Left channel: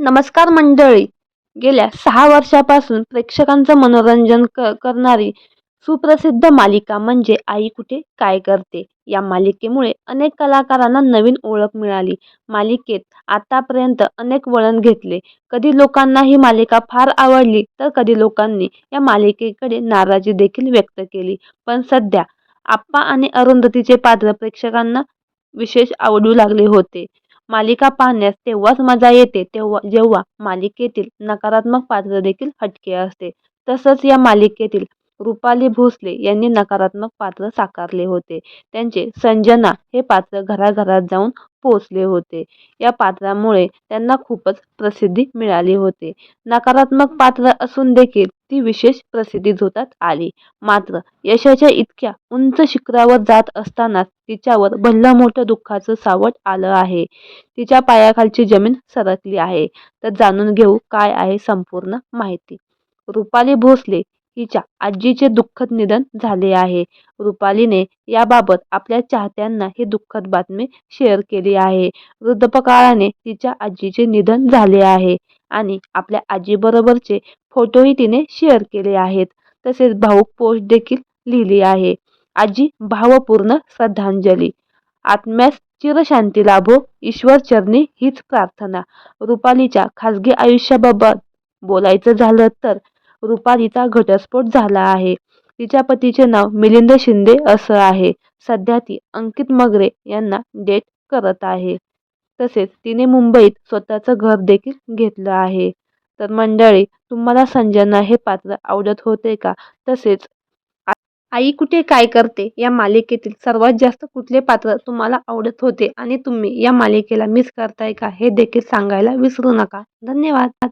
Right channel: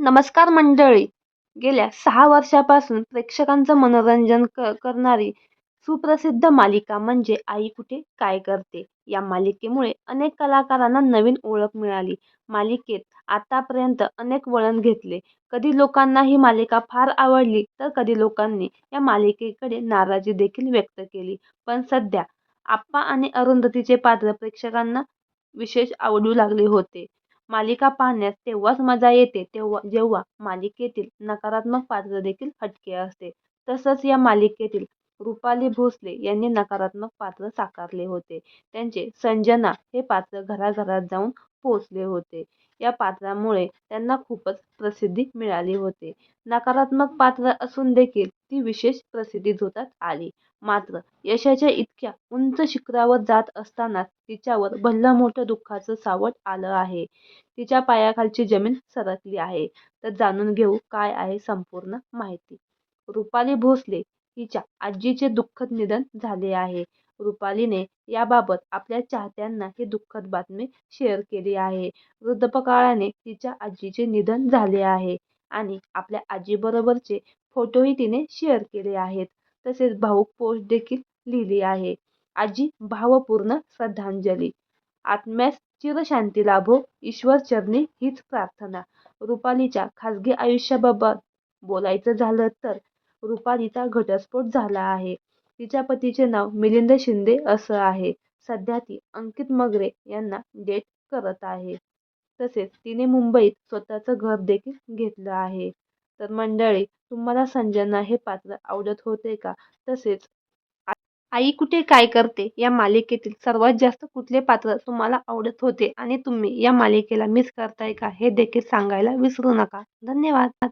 नमस्कार मंडळी. गेल्या सहा वर्षापासून प्रेक्षकांचं मनोरंजन क करणारी सुप्रसिद्ध मालिका म्हणजे आई कुठे काय करते? या मालिकेमुळे अनेक कलाकारांना नवीन ओळख मिळाली. मालिकेत आतापर्यंत अनेक वळण घेतले. कधी लोकांना ही मालिका फार आवडली तर कधी लोकांनी या मालिकेकडे नाराजी देखील व्यक्त केली. पण सध्या आप्पा आणि अरुंधतीचे पात्र प्रेक्षकांना विशेष आवडू लागले होते. मालिका पाहण्यास तेव्हाच मजा येते तेव्हा जेव्हा मालिकेतील नकारात्मक पात्र देखील हटके असते. तसंच या मालिकेतील रुपाली भोसले यांनी नकारात्मक पात्र साकारले होते. त्यांचे संजना हे पात्र घराघरात जाऊन पोचले होते. या पात्रामुळे त्यांना खूपच प्रसिद्धी मिळाली होती. नकारात्मक पात्र असून देखील ती विशेष प्रसिद्धी झोतात आली. मात्र यशाच्या इतक्या उंच शिखरावर जात असतानाच तिच्यावर भल्लं मोठं दुःखाचं सावट आलं आहे. तिच्या पायाखालची जमीन सरकली आहे. तर जाणून घेऊ काय आहे संपूर्ण माहिती. रुपाली भोसले हिच्या आजीचे दुःखद निधन झाले आहे. रुपालीने याबाबत आपल्या चाहत्यांना ही दुःखद बातमी शेअर केली आहे. वृद्धपकाळाने तिच्या आजीचे निधन झाले आहे. आणि आपल्या आजीबरोबरचे फोटोही तिने शेअर केले आहेत. तसेच भाऊक पोस्ट देखील लिहिली आहे. आजी भावपूर्ण श्रद्धांजली. आत्म्यास चिरशांती लाभो ईश्वर चरणी हीच प्रार्थना. रुपालीच्या खासगी आयुष्याबाबत बोलायचं झालं तर रुपालीचा घटस्फोट झाला आहे. तिच्या पतीचे नाव मिलिंद शिंदे असं आहे. सध्या ती अंकित मगरे यांना डेट करत आहे. तसेच तिने मुंबईत स्वतःचं घर देखील घेतलं आहे. तर मंडळी तुम्हाला संजना हे पात्र आवडत होते का? तसेच आई कुठे काय करते? या मालिकेतील सर्वात जास्त कुठले पात्र तुम्हाला आवडत होते? आणि तुम्ही या मालिकेला मिस करताय का? हे देखील सांगायला विसरू नका. धन्यवाद.